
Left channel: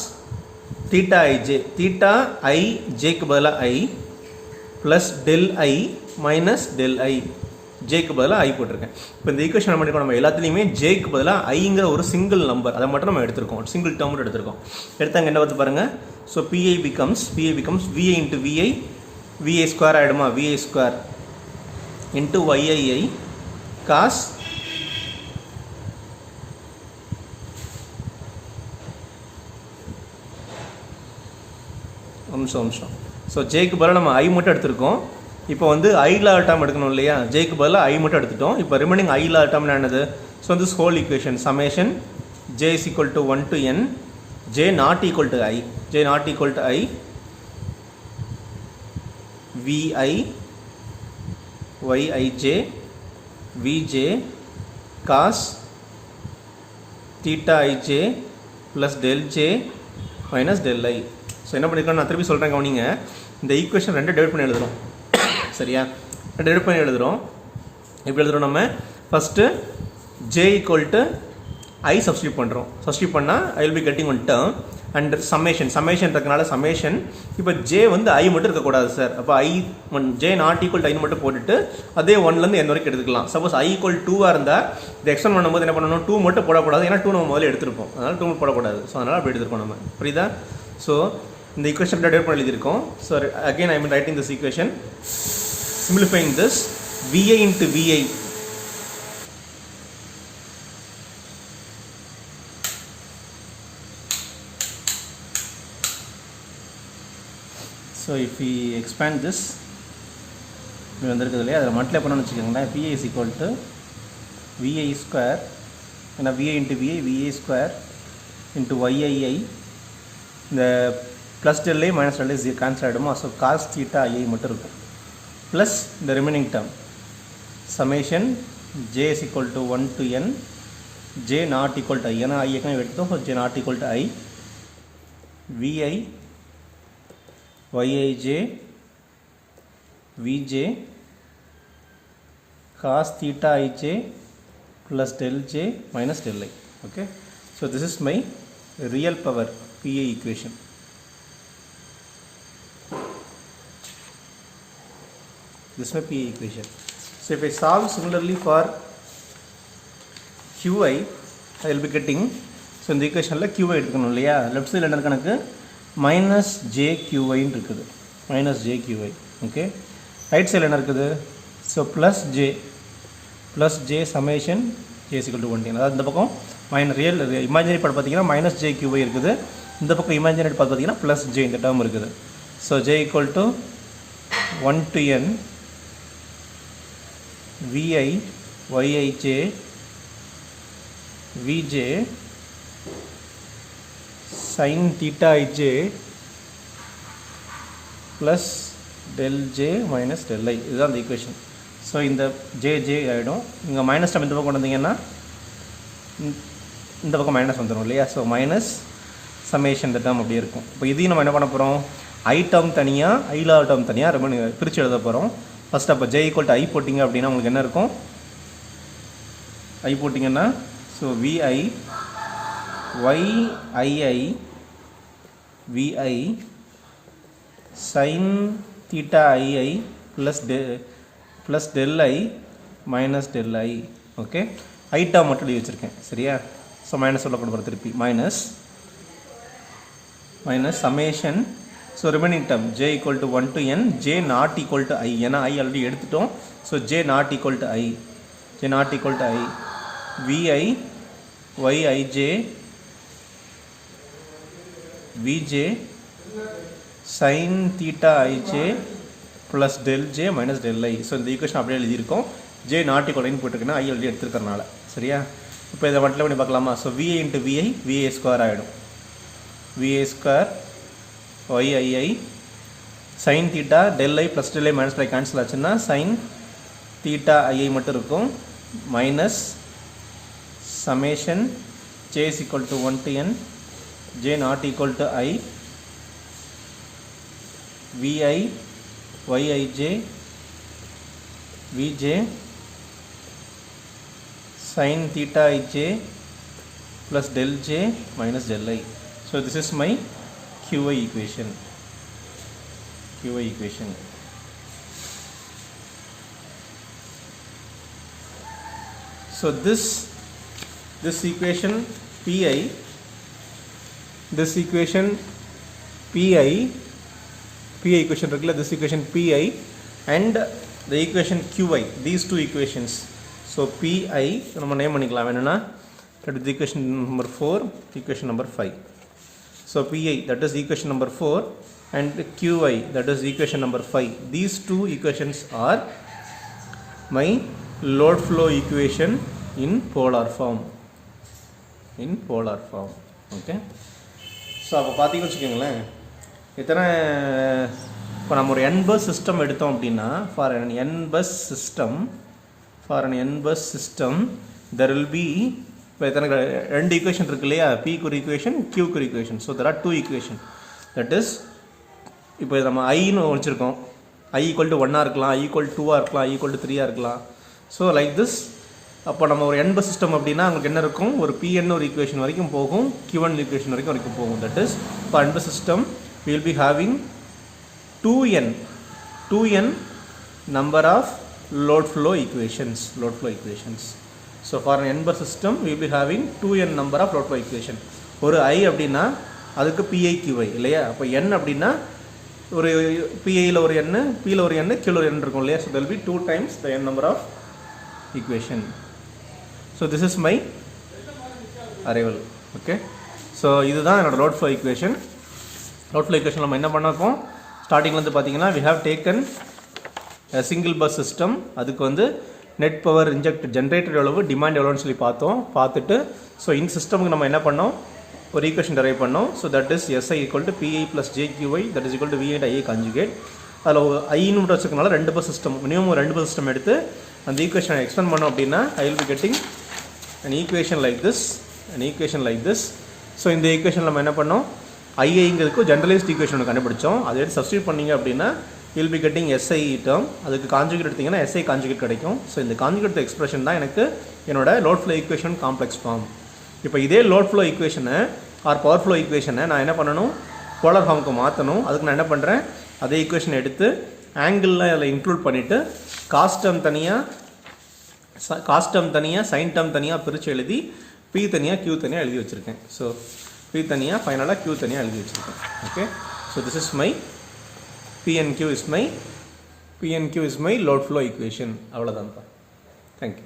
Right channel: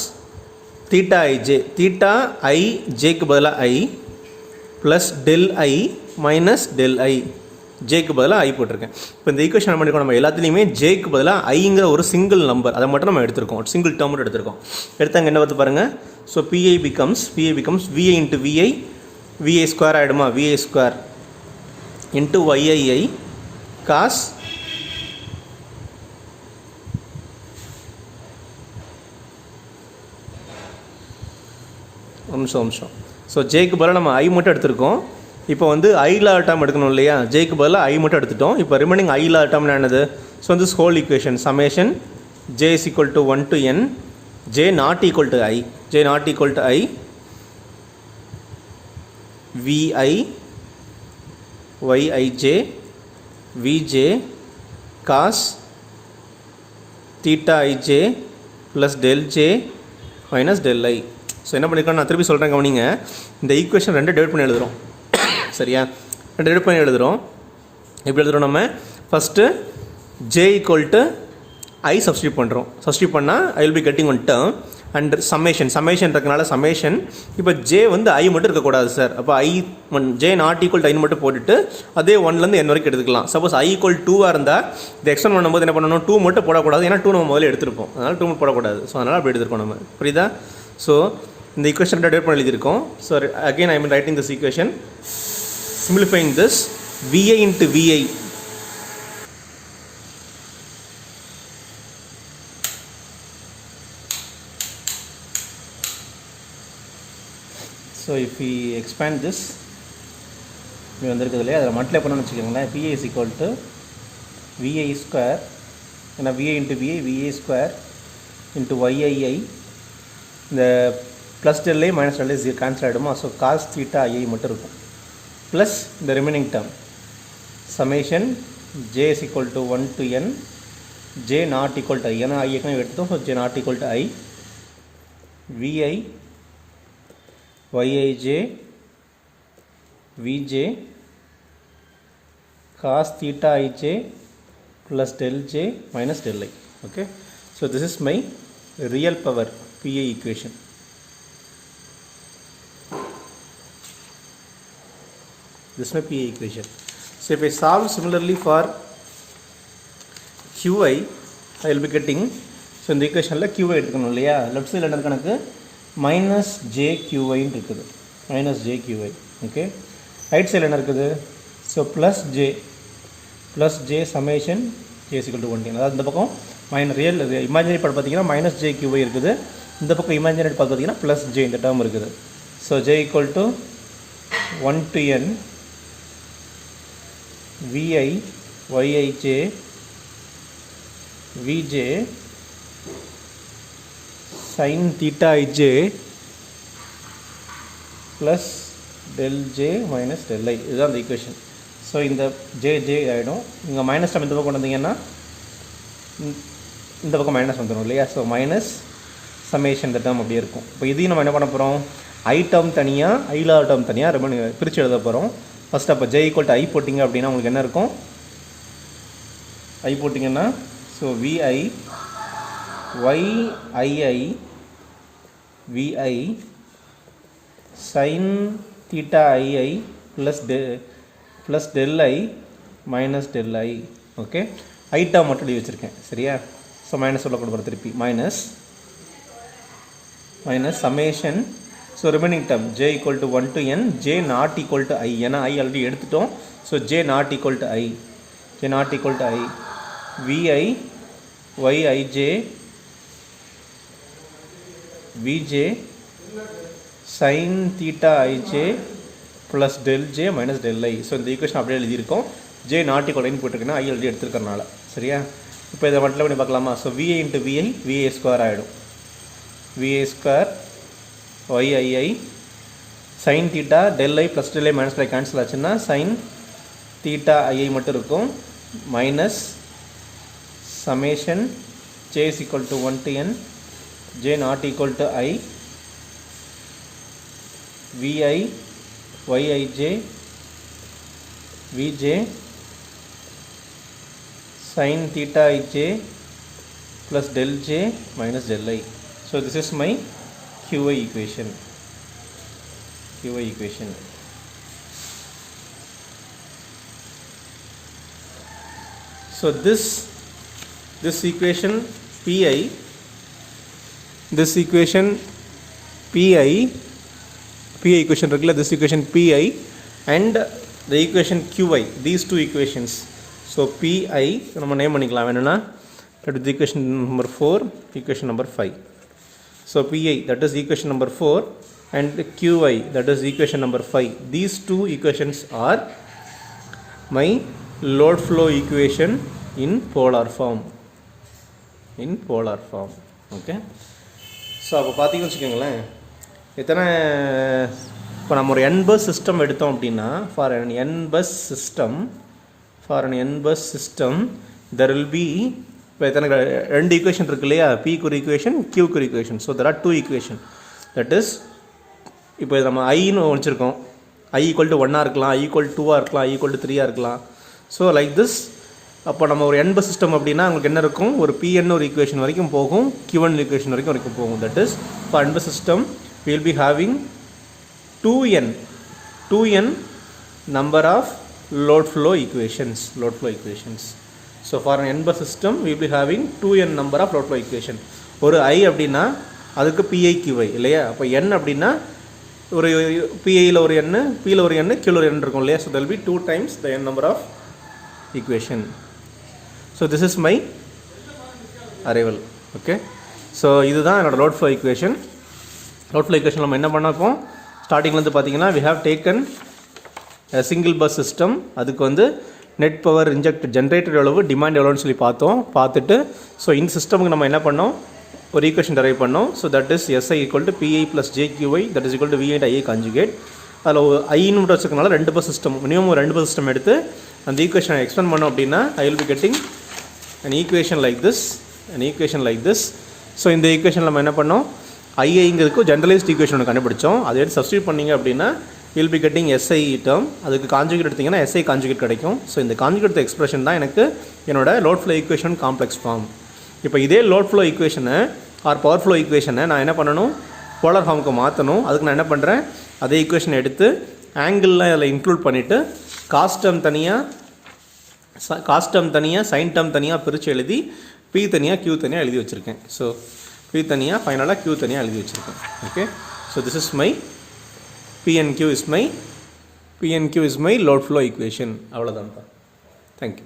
theta ij theta I jக்கு பதிலாக I plus del I minus del I ஜேக்கு பதிலாக I போட்டிருக்கேன் இப்போ இந்த ஈக்குவேஷன் நம்ம எடுக்கணும் நம்ம எல்லாத்துலேயுமே ஜேக்கு பதிலாக ஐங்கிற ஒரு சிங்கிள் நம்பர் அதை மட்டும் நம்ம எடுத்திருக்கோம் சிங்கிள் டேர்ம் மட்டும் எடுத்திருக்கோம் எடுத்தாங்க என்ன பார்த்து பாருங்கள் so P I becomes V I into V I square ஆகிடுமா V I square into Y I I cos நிமிஷம் ஸோ ஜேக்கு பதிலாக நம்ம ஐ மட்டும் எடுத்திருக்கோம் இப்போ வந்து ஐலா டேர்ம் எடுக்கணும் இல்லையா ஜேக்கு பதிலாக ஐ மட்டும் எடுத்துட்டோம் இப்போ ரிமைனிங் ஐலா டேர்ம் என்னது so this whole equation summation J is equal to 1 to n J not equal to I V I Y I J V J cos theta I J plus del J minus del I so என்ன பண்ணிக்கலாம் நான் திருப்பி சொல்கிறேன் கவனிங்க இந்த ஈக்குவேஷன் ரெண்டு டிவைட் பண்ணி எழுதுகிறோம் சரியா ரெண்டு டிவைட் பண்ணி எழுதுகிறோம் எப்படி எழுதுகிறோம் நம்ம first J equal to I substitute பண்ணுறோம் சப்ஸ்டியூட் பண்ணால் I will be getting one term and summation இருக்கனால சம்மேஷன் இப்போ ஜே வந்து ஐ மட்டும் இருக்கக்கூடாது சார் அப்போ ஜே நாட் ஈக்குவல் டு ஐ மட்டும் போட்டுட்டு அதே 1லேருந்து n வரைக்கும் எடுத்துக்கலாம் சப்போஸ் ஐ ஈக்குவல் 2 இருந்தால் இந்த எக்ஸ்டெண்ட் பண்ணும்போது என்ன பண்ணணும் 2 மட்டும் போடக்கூடாது ஏன்னா 2 நம்ம முதல்ல எடுத்துருப்போம் அதனால் 2 மட்டும் போடக்கூடாது ஸோ அதனால் அப்படி எடுத்துருக்கோம் நம்ம புரியுதா ஸோ இந்த ஈக்குவேஷன் டேட் பண்ணி எழுதியிருக்கோம் so again I mean writing this equation simplifying this vi into vi so if we expand this இது வந்திருக்குது இல்லையா அதில் மல்டிப்ளை பண்ணணும்னு வச்சுக்கோங்களேன் vi is equal to vi square ஏன்னா vi into vi square into yiii இந்த plus del I minus del I cancel ஆகிடுமா so cos theta ஐ மட்டும் இருக்கும் plus the remaining term summation j is equal to 1 to n j not equal to I ஏன்னா I ஏற்கனவே எடுத்தோம் so j not equal to I vi yij vj cos theta ij plus del j minus del I okay so this is my real power PI equation This is my PI equation. So if I solve similarly for QI, I will be getting, so in the equation la QI எடுக்கணும் இல்லையா, left side என்ன கணக்கு minus JQI இருக்குது, minus JQI. Okay, right side என்ன இருக்குது, so plus J summation J is equal to 1. அதாவது இந்த பக்கம் minus real imaginary part பார்த்தீங்கன்னா minus JQI இருக்குது, இந்த பக்கம் imaginary part பார்த்தீங்கன்னா plus J இந்த term இருக்குது. So J equal to 1 to n Vi Yij Vj sin theta ij plus del j minus del I. இதுதான் அந்த ஈக்குவேஷன். ஸோ இந்த ஜே ஆகிடும், இங்கே மைனஸ் நம்ம இந்த பக்கம் கொண்டு வந்தீங்கன்னா இந்த பக்கம் மைனஸ் வந்துடும் இல்லையா. ஸோ மைனஸ் சமேஷன் இந்த டேர்ம் அப்படியே இருக்கும். இப்போ இதையும் நம்ம என்ன பண்ண போகிறோம், ஐ டேர்ம் தனியாக ஐலா டேர்ம் தனியாக ரொம்ப பிரித்து எழுத போகிறோம். ஃபஸ்ட் அப்போ ஜே ஈக்குவல் டு ஐ போட்டிங்க அப்படின்னா உங்களுக்கு என்ன இருக்கும், ஐ போட்டிங்கன்னா so vi yii vi sine theta ii plus del I minus del I. Okay, I term மட்டும் எழுதி வச்சுருக்கேன் சரியா. ஸோ மைனஸ் சொல்ல கொடுக்குற திருப்பி minus summation. So remaining term j equal to 1 to n, j not equal to I, ஏன்னா I ஆல்ரெடி எடுத்துட்டோம். So j not equal to I, vi yij vj sin theta ij plus del j minus del I. So இந்த ஈக்குவேஷன் அப்படியே எழுதியிருக்கோம், j not equal to போட்டுருக்குன்னா I ஆல்ரெடி எடுத்துருக்கறனால சரியா. இப்போ இதை மட்டும் பண்ணி பார்க்கலாமா. So vi into vi square ஆகிடும், vi square yii sin theta del I plus del I minus by cancel ஆச்சுன்னா sin theta i மட்டும் இருக்கும், minus summation j is equal to 1 to n, j not equal to I, vi yij vj sin theta ij plus del j minus del I. So this is my QI equation. So this equation PI, equation regular, this equation PI and the equation QI, these two equations. So PI நம்ம நேம் பண்ணிக்கலாம் வேணும்னா, that is equation number 4, equation number 5. So PI, that is equation number 4, and QI, that is equation number 5. These two equations are my load flow equation in polar form. Okay. So அப்போ பார்த்தீங்கன்னு வச்சுக்கோங்களேன், எத்தனை இப்போ நம்ம ஒரு n bus சிஸ்டம் எடுத்தோம் அப்படின்னா, for an n bus system there will be, இப்போ எத்தனை ரெண்டு ஈக்குவேஷன் இருக்கு இல்லையா, P ஒரு ஈக்குவேஷன், Q ஒரு equation. So there are two equation. That is, இப்போ நம்ம ஐன்னு வச்சுருக்கோம், I equal to 1 இருக்கலாம், I equal to 2 இருக்கலாம், I equal to 3 இருக்கலாம். So like this. அப்போ நம்ம ஒரு n bus சிஸ்டம் அப்படின்னா உங்களுக்கு என்ன இருக்கும், ஒரு Pn ஒரு ஈக்குவேஷன் வரைக்கும் போகும், Qn ஈக்குவேஷன் வரைக்கும் போகும். That is for n bus system we will be having 2n number of load flow equations. So for an n bus system we will be having 2n number of load flow equation. ஒரு I அப்படின்னா அதுக்கு PI QI இல்லையா. அப்போ n அப்படின்னா ஒரு PIயில் ஒரு n, Pயில் ஒரு n, Qயில் ஒரு n இருக்கும் இல்லையா. So there will be 2 times the n number of equation. So this is my arrival. Okay, so இதுதான் என்னோட load flow equation. நம்ம என்ன பண்ணப்போம், ஸ்டார்டிங்லேருந்து பார்த்தீங்கன்னா we have taken a single bus system. அதுக்கு வந்து நெட் பவர் இன்ஜெக்ட் ஜென்ரேட்டர் எவ்வளவு, டிமாண்ட் எவ்வளோன்னு சொல்லி பார்த்துட்டு ஸோ இந்த சிஸ்டமுக்கு நம்ம என்ன பண்ணோம், ஒரு ஈக்குவேஷன் டெரைவ் பண்ணோம். So that is SI equal to PI plus JQI, that is equal to VI and I conjugate. அதில் ஐன்னு வச்சுக்கனால ரெண்டு பஸ் சிஸ்டம், மினிமம் ஒரு 2 பஸ் சிஸ்டம் எடுத்து அந்த ஈக்குவேஷனை எக்ஸ்பெண்ட் பண்ணோம் அப்படின்னா I will be getting an equation like this. So இந்த ஈக்குவேஷன் நம்ம என்ன பண்ணோம், ஐஐங்கிறதுக்கு ஜென்ரலைஸ்ட் ஈக்குவேஷன் ஒன்று கண்டுபிடிச்சோம். அதை எடுத்து சப்ஸ்டியூட் பண்ணிங்க அப்படின்னா will be getting SI term. அதுக்கு கான்ஜுகேட் எடுத்திங்கன்னா SI கான்ஜுகேட் கிடைக்கும். ஸோ இந்த கான்ஜுகேட் எக்ஸ்பிரஷன் தான் எனக்கு என்னோட load flow equation complex form. இப்போ இதே லோட் ஃப்ளோ ஈக்குவேஷனை ஆர் பவர் ஃப்ளோ ஈக்குவேஷனை நான் என்ன பண்ணணும், போலார் ஃபார்முக்கு மாற்றணும். அதுக்கு நான் என்ன பண்ணுறேன், அதே ஈக்குவேஷனை எடுத்து ஆங்கிள்லாம் அதில் இன்க்ளூட் பண்ணிவிட்டு காஸ்ட் டேர்ம் தனியாக சைன் டேர்ம் தனியாக பிரித்து எழுதி பி தனியாக கியூ தனியாக எழுதி வச்சுருக்கேன். ஸோ பி தனியாக ஃபைனலாக கியூ தனியாக எழுதி வச்சுருக்கேன். Okay, so this is my P and Q is my load flow equation. அவ்வளோதான்ப்பா. தேங்க்யூ.